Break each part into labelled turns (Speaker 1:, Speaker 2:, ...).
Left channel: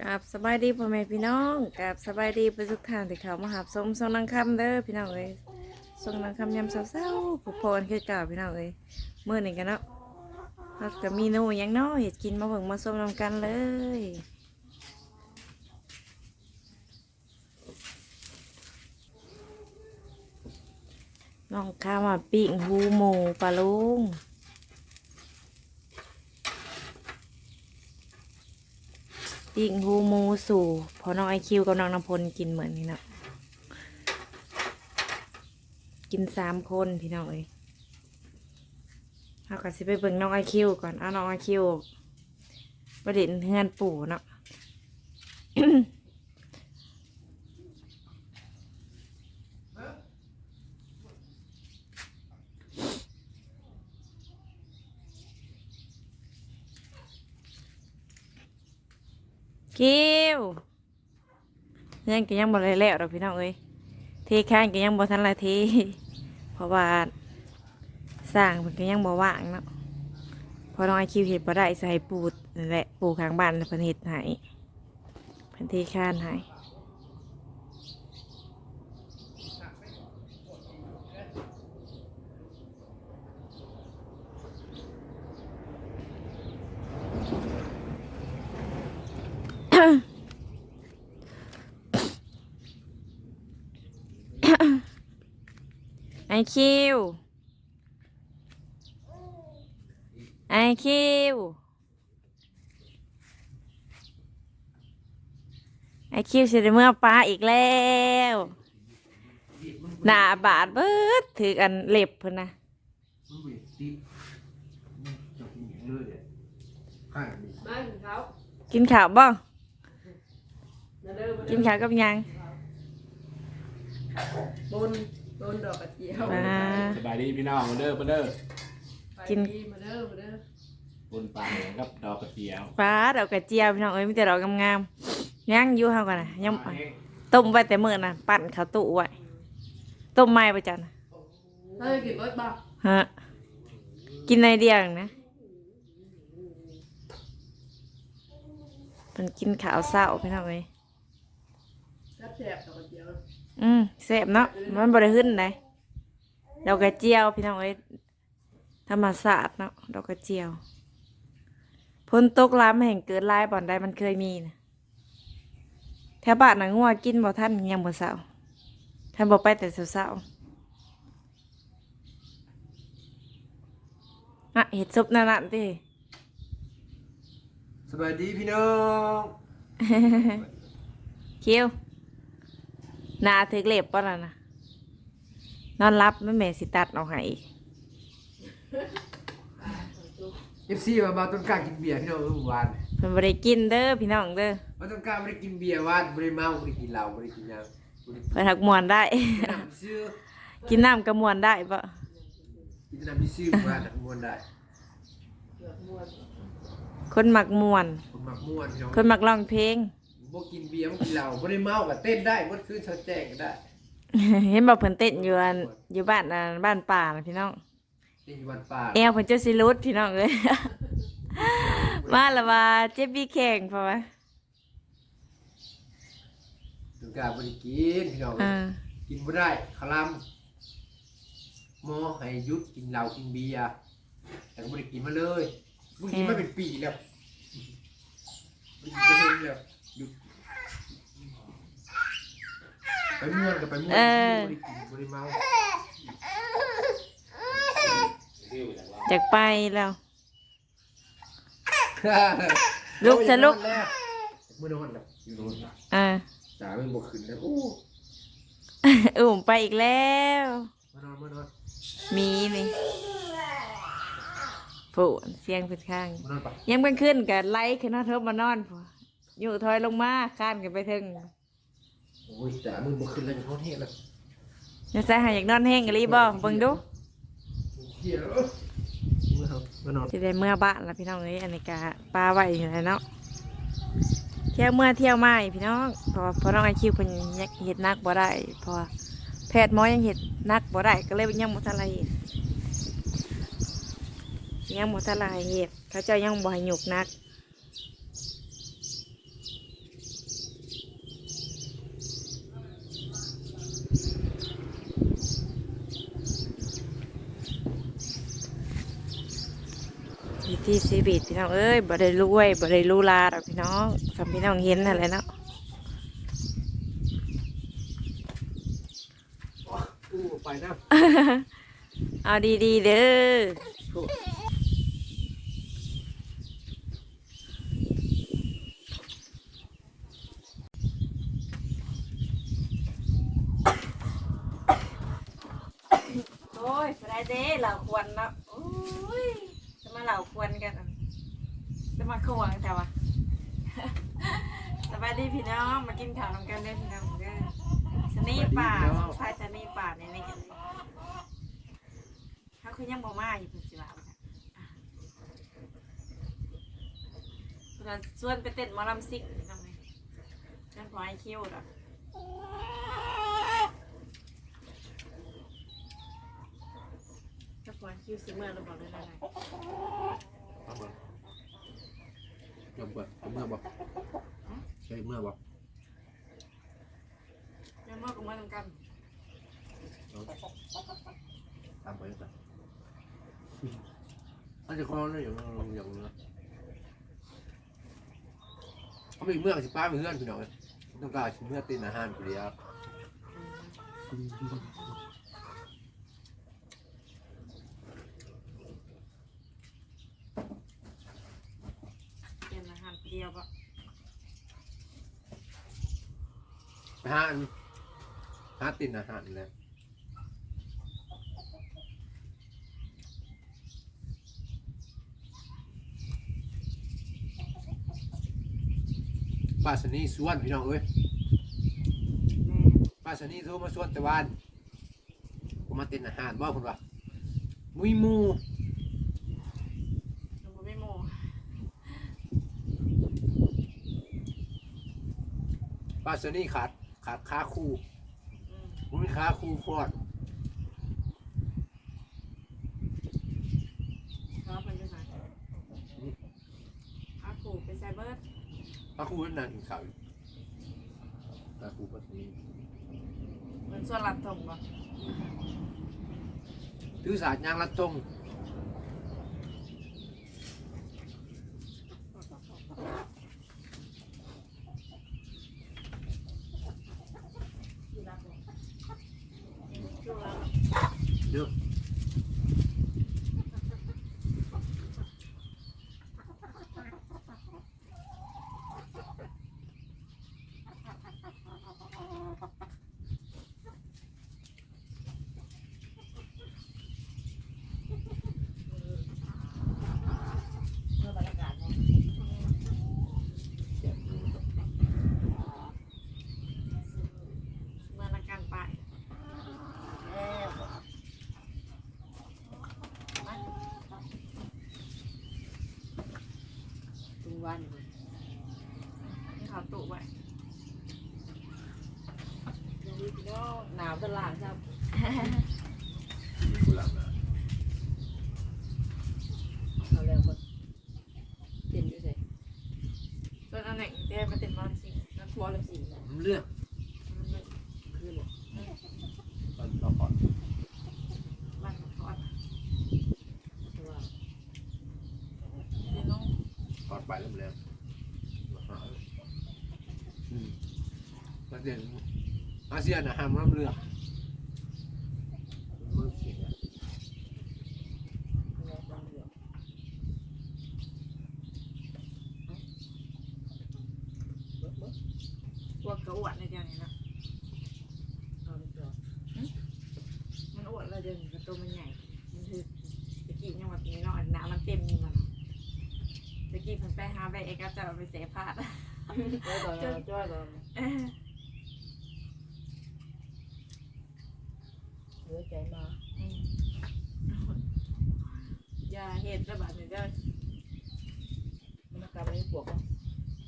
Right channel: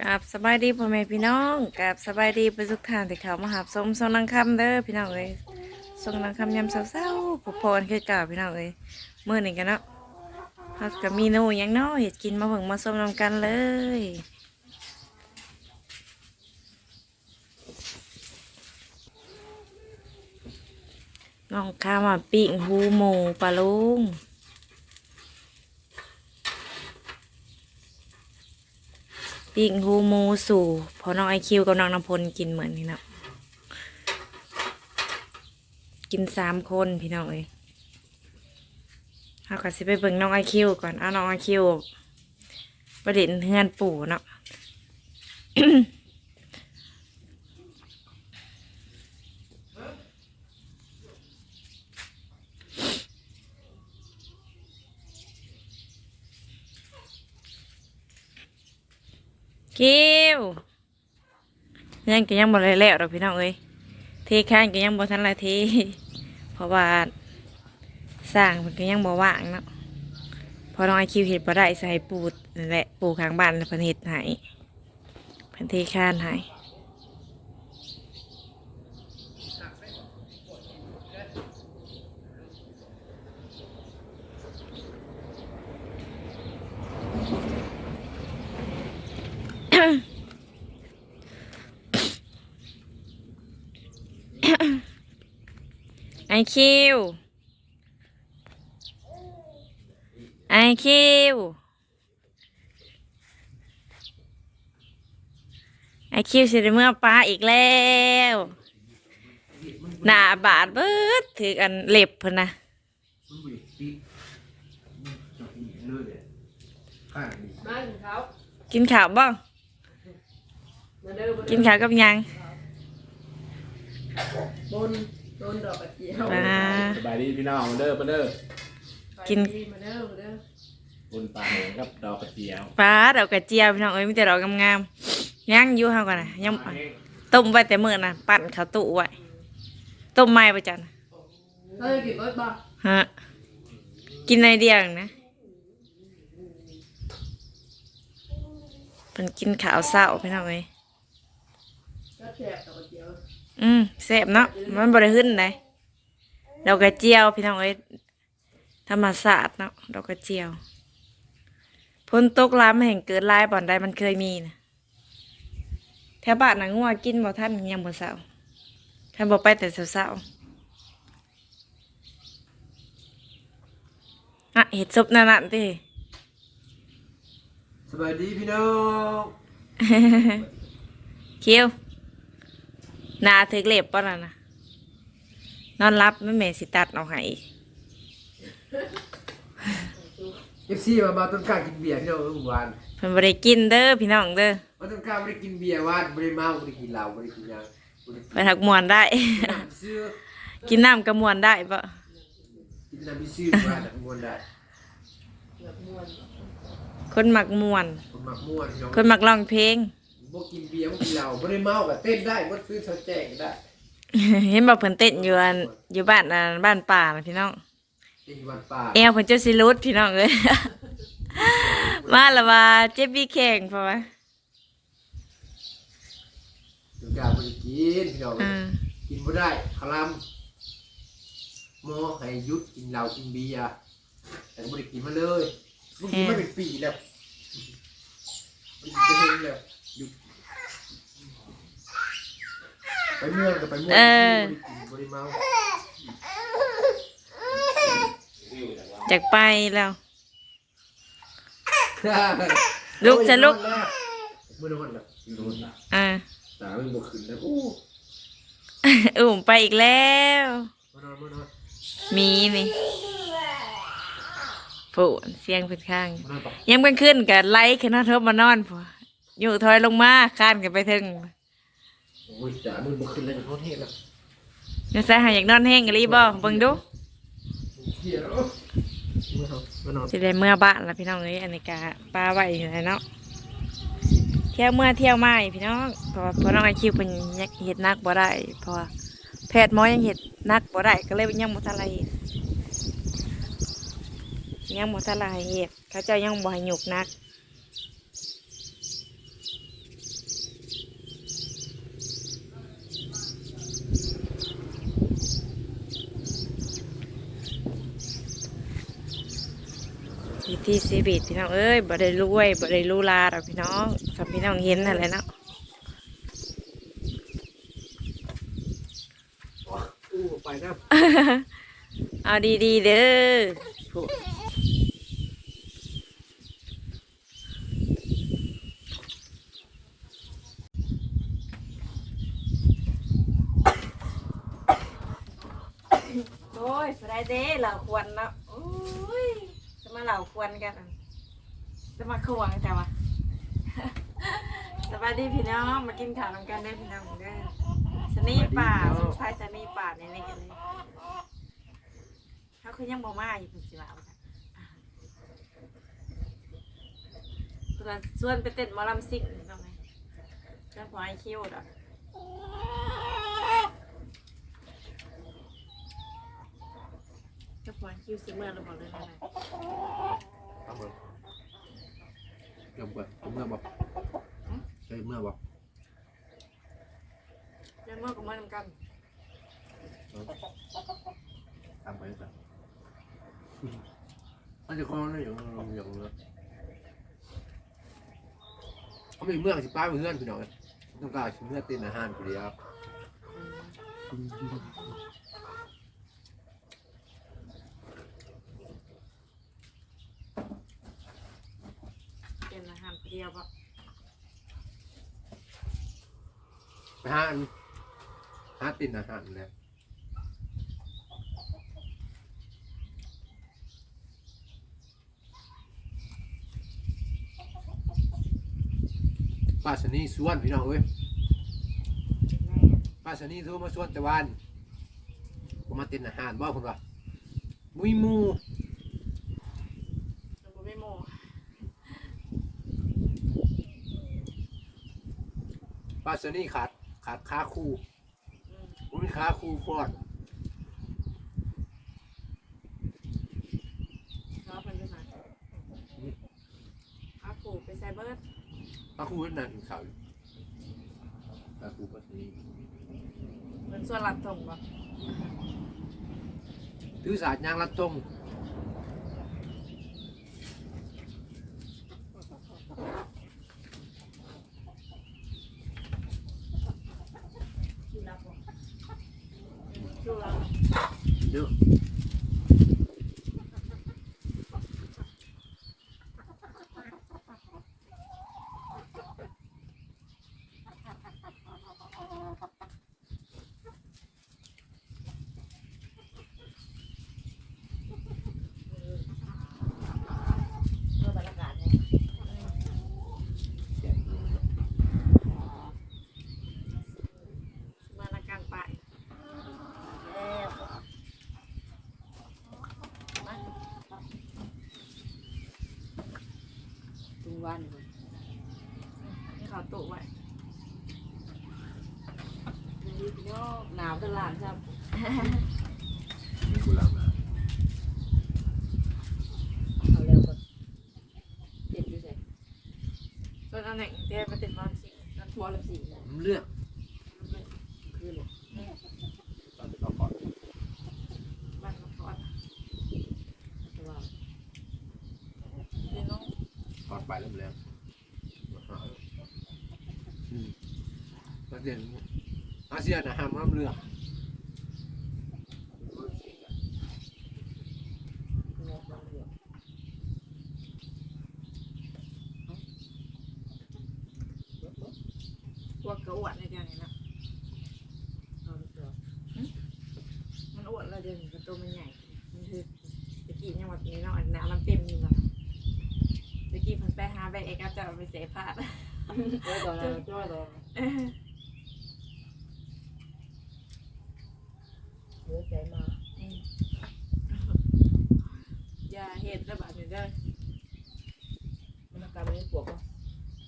Speaker 1: กับสบายดีพ่อแม่พี่น้องกับสบายดีไปทุกทานที่เขามาหาสมทรงนางคำเด้อพี่น้องเอ้ยทรงนางคำยำเศร้าๆผู้พรคือเก่าพี่น้องเอ้ยมื่อหนึ่งกันเนาะเขากับมีนูยังเนาะเห็ดกินมาเพิ่งมาส้มนำกันเลยน้องข้ามาปิ้งหูหมูปลาลุง ปิ้งหูมูสู่พอน้องไอคิวกับน้องน้ำพลกินเหมือนนี่นะกินสามคนพี่น้องเอ้ยเอาก็สิไปเบิ่งน้องไอคิวก่อนเอาน้องไอคิวประเด็นเฮือนปู่เนาะ คิวยังก็ยังบ่ได้แล้วดอกพี่น้องเอ้ยเทข้างก็ยังบ่ทันละทีเพราะว่าสร้างมันก็ยังบ่ว่างเนาะพอน้องไอคิวเห็ดบ่ได้ใส่ปูดนั่นแหละปูข้างบ้านแล้วเพิ่นเฮ็ดให้เพิ่นเทข้านให้ ไอ คิว ไอคิว ไอคิวสิได้เมื่อปลาอีกแล้วหน้าบาดเบิดถือกันเล็บเพิ่นนะ
Speaker 2: มันบุยตีมันจะกินอย่างเลยเลยข้างนี้
Speaker 3: มาถึงเขา
Speaker 1: กินข้าวบ้าง
Speaker 3: มาเด้อมา
Speaker 1: กิ
Speaker 3: เด้อน
Speaker 1: ข้าวกับหยัง
Speaker 3: บน บนดอกกระเจียว
Speaker 1: ปลา
Speaker 4: สบายดีพี่น้องมาเด้อมาเด้อ
Speaker 1: กิน
Speaker 3: ไปดีมาเด้อมาเด้อ บ
Speaker 4: นปลาหงกับดอกกระเจียว
Speaker 1: ปลาดอกกระเจียวพี่น้องเอ้ยมีแต่ดอกงามๆยังอยู่เฮากันนะยัง
Speaker 4: ปลาแห้ง
Speaker 1: ต้มไว้แต่มื้อน่ะปั่นข้าวตู้ไว้ต้มไม้ประจัน
Speaker 3: เฮ้ยกินเบิดบ่
Speaker 1: ฮะกินในเดียวเองนะเป็นกินข้าวเศร้าพี่น้องเอ้ย
Speaker 3: ก็แสบดอกกระเจียว
Speaker 1: อืมแซ่บเนาะมันบ่ได้ขึ้นเลยดอกกระเจียวพี่น้องเอ้ยธรรมศาสตร์เนาะดอกกระเจียวพ้นตกล้ามแห่งเกิดลายบ่อนใดมันเคยมีนะแถวบ้านน่ะงัวกินบ่ท่านยังบ่เศร้าท่านบ่ไปแต่เศร้าๆอะเห็ดซุปนั่นน่ะติ
Speaker 2: สบายดีพี่น้อง
Speaker 1: คิวห นาถึกเล็บป่ะน่ะนะนอนรับไม่แม่สิตัดเอาให้อีก
Speaker 2: เอฟซีมาบาต้นกล้ากินเบียร์พี่น้องเมื่อวาน
Speaker 1: เพิ่นบ่ได้กินเด้อพี่น้องเด้อบา
Speaker 2: ต้นกล้าไม่ได้กินเบียร์วานไม่ได้เมาไม่ได้กินเหล้าไม่ได้กินหยังไม่ได้
Speaker 1: ไปทักมวนได้
Speaker 2: กินน้ำซื้อ
Speaker 1: กินน้ำกระมวนได้ปะ
Speaker 2: กินน้ำมีซื้อวานน่ะม่วนได้
Speaker 3: เกือบม้วน
Speaker 1: คนมักมวน
Speaker 2: คนมักม่วนพี่น้อง
Speaker 1: คนมักร้องเพลง
Speaker 2: บ่กินเบียร์บ่กินเหล้าบ่ได้เมาก็เต้นได้บ่คือเขาแจ้งก็ได้
Speaker 1: เห็นบอกเพิ่นเต้นอยู่อันอยู่บ้านอันบ้านป่าน่ะพี่น้อง
Speaker 2: เต้นอยู่วันป่า
Speaker 1: แอวเพิ่นเจ้าสิรุดพี่น้องเอ้ย มาและว่าเจ็บบี้แข้งเพราะว่า
Speaker 2: ต้นกล้าบ่ได้กินพี่น้อง
Speaker 1: อ่า
Speaker 2: กินบ่ได้คลำหมอให้หยุดกินเหล้ากินเบียร์แต่ก็บ่ได้กินมาเลยบ่กินมาเป็นปีแล้วบ่กินจะเห็นแล้วหยุดไป เมื่อนกับไปเมื่อนบ่ได้กินบ่ได้เมา
Speaker 1: จากไปแล้ว ลุกจะลุก
Speaker 2: มื้อนอนแล้วอยู่นอนแล้ว
Speaker 1: อ่า
Speaker 2: ตามันบ่ขึ้นแล้วโอ้
Speaker 1: อุ่มไปอีกแล้ว
Speaker 2: มานอนมานอน
Speaker 1: มีนี่ผู้เสียงเป็นข้าง
Speaker 2: มานอนไป
Speaker 1: ยังเป็นขึ้นกับไล่ขึ้นมาเทบมานอนพออยู่ถอยลงมาข้านกันไปถึง
Speaker 2: โอ้ยจ๋ามึงบ่ขึ้นแล้วจะนอนเฮ็ดแล้ว
Speaker 1: นี่ใส่หาอยากนอนแห้งกันรีบอเบิ่งดู
Speaker 2: เหี้ยแล้วมานอนมานอน
Speaker 1: สิได้เมื่อบ้านแล้วพี่น้องเอ้ยอันนี้กะป้าไว้อยู่แล้วเนาะเที่ยวเมื่อเที่ยวมาอีกพี่น้องเพราะว่าเพราะน้องไอคิวเป็นยังเห็ดนักบ่ได้เพราะว่าแพทย์หมอยังเห็ดนักบ่ได้ก็เลยยังบ่ทันไรเฮ็ดยังบ่ทันไรเฮ็ดเขาเจ้ายังบ่ให้หยุกนัก ถีชีวิตพี่น้องเอ้ยบ่ได้รวยบ่ได้หรู้ลาดอกพี่น้องสำพี่น้องเห็นนั่นแหละเนาะ
Speaker 2: อู้ไปนะ
Speaker 1: เอาดีๆเด้อ
Speaker 2: โทษ
Speaker 1: โอ้ยบ่ได้เด้เหล่าควรเนาะโอ้ยจะ มาเหล่าควรกัน จะมาควงแต่ว่าสวัสดีพี่น้องมากินข้าวนำกันเด้พี่น้องเด้อสนีป่าสุดท้ายสนีป่าในนี่เลยเขาคือยังบ่มาอยู่เพิ่นสิว่าว่าซั่นนว่าชวนไปเต้นมอลำซิ่งพี่น้องเอ้ยเพิ่นพอให้คิวดอก เจ้าของคิวซิเมอร์เราบอกเลยนะ
Speaker 2: เอาเบิ่งยอมก่อนเอาเมื่อบ่ใช่เมื่อบ่
Speaker 1: เจ้าเมื่อกับเมื่อนำกัน
Speaker 2: ทำไปก่อนมันจะคล้องนั่นอย่างอย่างอย่างเนื้อเขามีเมื่อสิป้าเมื่อนพี่น้องต้องการชิ้นเนื้อตีนอาหารคนเดียว
Speaker 1: เป็นอาหารเดียวปะ
Speaker 2: ไปหาอันหาตีนอาหารเลยป้าสนีสวนพี่น้องเอ้ย
Speaker 1: แม่
Speaker 2: ป้าสนีโทรมาสวนแต่วันผมมาตินอาหารบ่คุณว่ามุยหมู
Speaker 1: หนูบ่ไม่โม
Speaker 2: ป้าสนีขาดขาดขาคู่
Speaker 1: อืม
Speaker 2: ผมมีขาคู่ฟอด
Speaker 1: เขาเป็นไปไหนอาขู่ไปไซเบิร์ด
Speaker 2: ขาคู่นั่นขาวขาคู่ป้าสนี
Speaker 1: เป็นส่วนหลับถงปะ
Speaker 2: ถือสาดยางรัดจง
Speaker 1: ดูแล้ว
Speaker 2: เยอะแซ่บเลยเนาะ
Speaker 1: เมื่อนักการไปมา
Speaker 3: ทุก วัน
Speaker 1: นี่เขาตุไว้
Speaker 3: ยังดีพี่น้องหนาวตลาดครับ
Speaker 2: มีกุหลาบนะ
Speaker 3: เอาแล้วก็เป็นอยู่ไส
Speaker 1: ส่วนอันหนึ่งเดี๋ยวไปติดมอนสินั่น
Speaker 3: มอละสี่นะ
Speaker 2: มันเลือก
Speaker 3: คือหมด
Speaker 2: ตอนเราก่อน
Speaker 1: บ้านกระพอด
Speaker 3: แต่ว่า
Speaker 1: พี่น้อง
Speaker 2: ก่อนไปแล้วมันแล้วอืม แล้วเดี๋ยวอาเซียนนะห้ามน้ำเลือก
Speaker 3: เงาความเหลือง
Speaker 1: พวกกระอวดในเดียวนี้นะ
Speaker 3: เอาดีกว่า
Speaker 1: มันอวดเราเดียวนี้กระตัวมันใหญ่ มันคือตะกี้ยังแบบนี้เนาะอันน้ำมันเต็มอยู่แล้วตะกี้เพิ่นไปหาใบเอกจะเอาไปเสพาด
Speaker 3: เออตอนนั้นเราจ้อยตอนเหลือ ใจมา
Speaker 1: อืมอย่าเห็ดระบาดนี่เด้อ
Speaker 3: มันอาการมันไม่ปวดป่ะ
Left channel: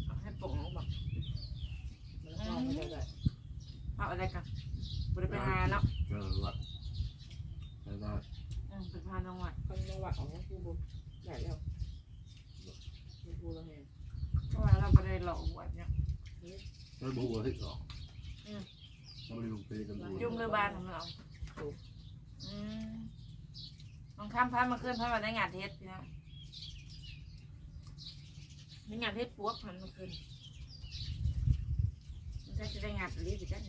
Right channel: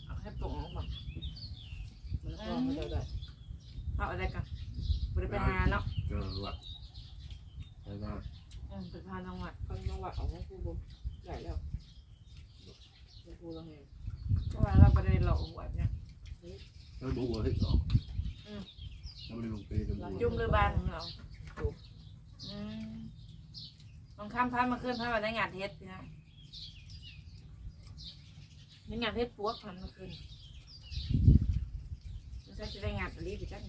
Speaker 1: เอาให้ปลงออกมา
Speaker 3: มันก็ไม่ได้ได้
Speaker 1: เอาอะไรกันบริไปหาเนาะ
Speaker 2: เออว่ะไปมา
Speaker 1: อืมไปพาน้องวัด
Speaker 3: คนมาวัดของผู้บุญได้แล้วผู้เราเห็น
Speaker 1: เพราะว่าเราไม่ได้หลอกอวดเนี่ย
Speaker 2: แล้วบัวให้ออก
Speaker 1: อืม
Speaker 2: เราไม่ได้ลงไปกับบัว
Speaker 1: จุ่มเรือบ้านของเราอืันข้ามพันมาขึ้นพันมาได้งานเทสพี่น้องได้งานเทสปวกพันมาขึ้นมันจะได้งานอะไรไปจัง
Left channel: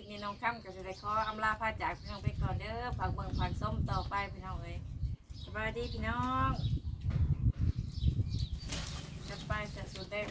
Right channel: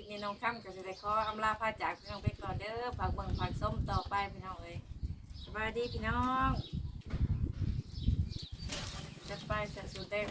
Speaker 1: ลิปนี้น้องค่ำก็จะได้ขออำลาพาจากพี่น้องไปก่อนเด้อฝากเบิ่งฝากส้มต่อไปพี่น้องเอ้ยสบายดีพี่น้องจะไปเสร็จสุดเด้อ